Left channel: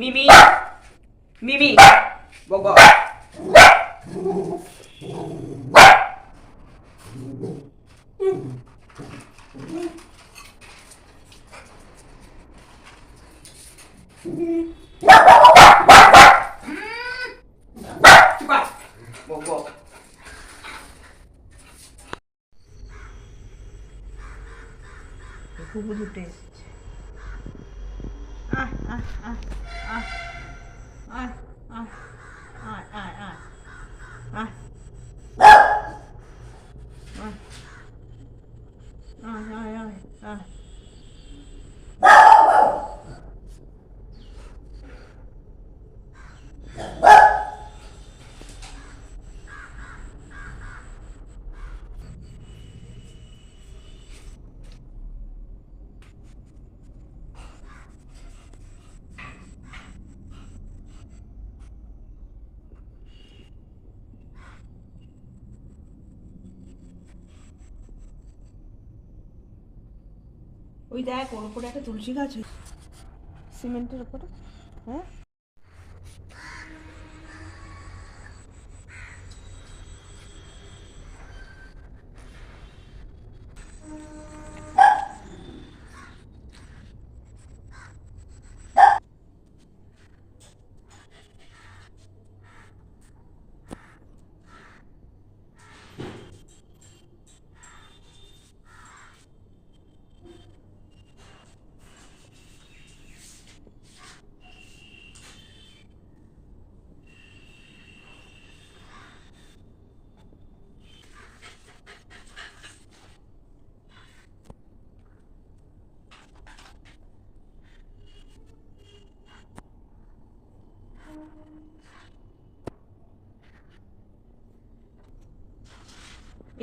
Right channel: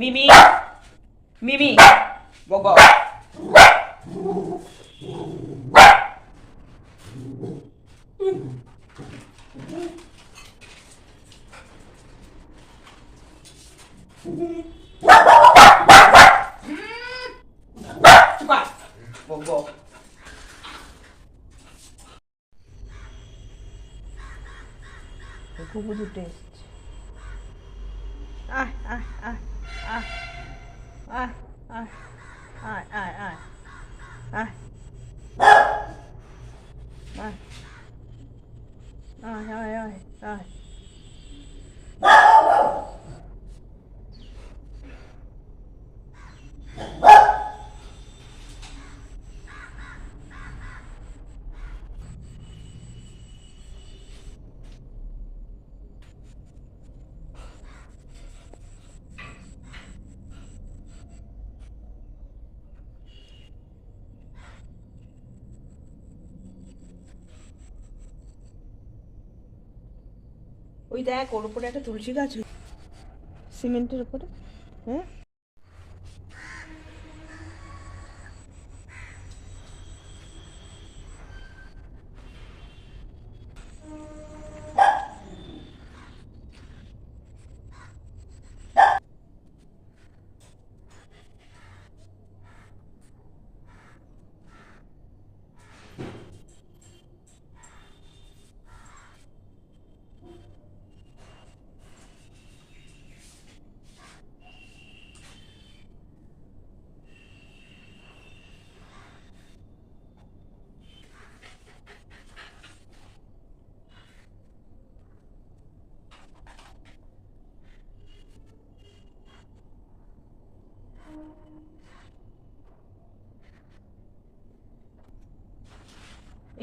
মিমি মিমি বগো বগো খুব টেস্ট আহ আহ আহ আহ আহ আহ আয় আয় আয় আয় আয় আয় আয় আয় ওই দেখ ওর উপরে একটা তুলসী গাছ সিমেন্টের উপরে হ্যাঁ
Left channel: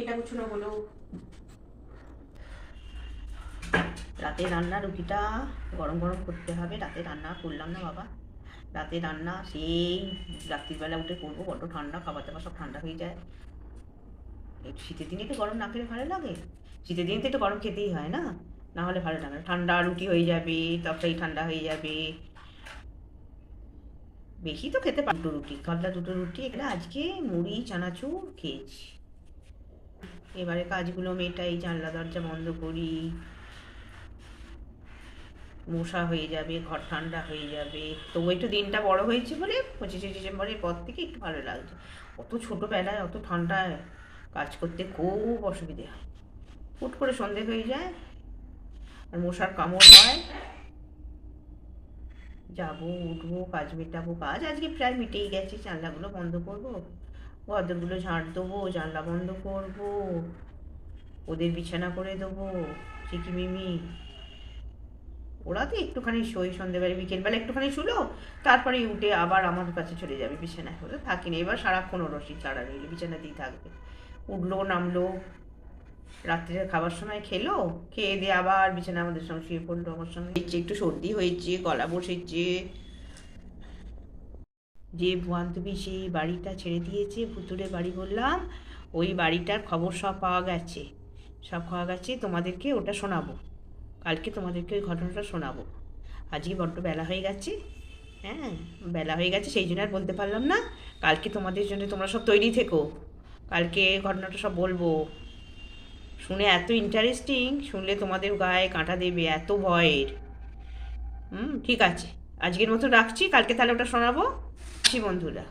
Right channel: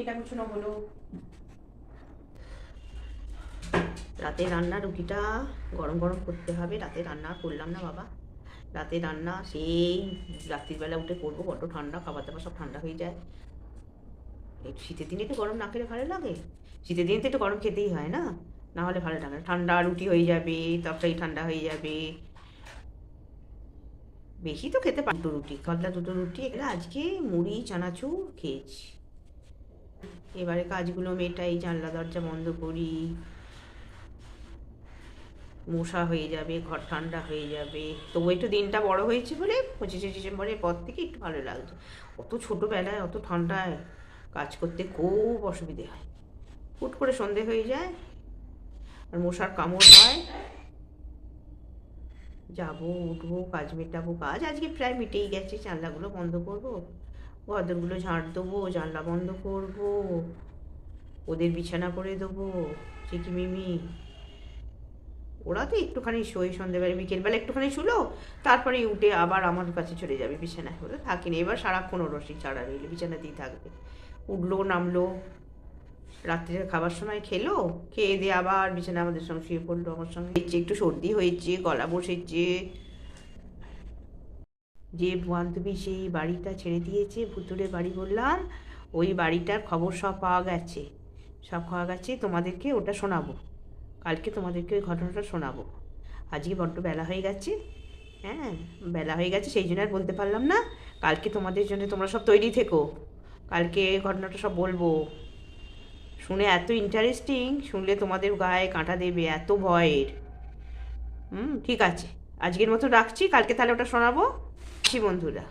এটা গুছানো হলো রাতে রান্না রুটিটা গরম গরম করতে হবে রাতে রান্না করলাম না বাবা রাতে রান্না সেই রাত্রিবেলা উঠে করবো বড্ড ঠান্ডা খাবার দাবার সব ঠান্ডা হয়ে যায় একটু শীতের দিনে একটু গরম না খেলে ভালো লাগে শীতের দিনে তো একটু গরম খেতেই হয় না না হলে ভালো লাগে ঠান্ডা রুটি হয়ে যাবে তরকারি ঠান্ডা হয়ে যাবে বেশি তো খেতে পারি রুটি কাতলা দুটো রুটি এখানে আজকে মুড়ি চানাচুর খেয়েছি এবারে কাজগুলো মেটাই জানলা দরজা বন্ধ করি মশা হয়ে যাবে ঘর ঠান্ডা হয়ে যাবে তবু একটু দিনটা বড় হয়েছে বলে 25শে ডিসেম্বরের পর থেকে একটু ভালো লাগছে অত ছোটোবেলায় অত ঠান্ডায় কাজ করতে খুব অসুবিধে হয় হুট করে সন্ধে হয়ে যায় আর মশার কামড় হয় যাবো উঠবো কাজ মেটাবো কাজ আজকে প্রায় মিটেই গেছে জানলাগুলো বন্ধ করবো ঘরদোরগুলো ঝাঁট দেবো জানলা বন্ধ করবো ওদের বিছানা করে দেবো চিকি মিমি ওরা তো একটুখানি শোয় সন্ধ্যেবেলা বিকেলবেলা একটুখানি শুলো তারপরে উঠে আবার আমার কাছে চলে যাবে বিছানায় ওরা থাকেনি এবার সারাক্ষণ রসি ছাড়া রইলো বিছানাতেই থাকবে উঠলো নামলো রাত্রে খাবার সময় খেলো খেয়ে দিয়ে আবার বিছানা আমাদের সঙ্গে শুয়ে পড়লো আমার সঙ্গে একটু সর্দি হয়েছে গলা বসেছে যে বান্ধবী সেই বাড়িটা ছেড়ে দিয়েছে ভুতুরে বাড়ি বললাম ওই বাড়িটার খবর সব পাওয়া গেছে তোমাদেরকে ওটা শোনাবো কালকে তোমাদেরকে ওই ঘটনাটা শোনাবো আজকে বড্ড বেলা হয়ে গেছে হ্যাঁ বেলা হয়ে গেছে সেই জন্য আর বলতে পারলাম না কালকে তোমাদের জন্য তোমরা সব তৈরি থেকো কালকে ঘটনাটা সব বলবো শুনে এত ইন্টারেস্টিং শুনলে তোমাদের গায়ে কাঁটা দেবে এত ভয়ের ঠিক আছে আজকের মতো রাখছি কালকে তাহলে ওটা শোনাবো বন্ধুরা।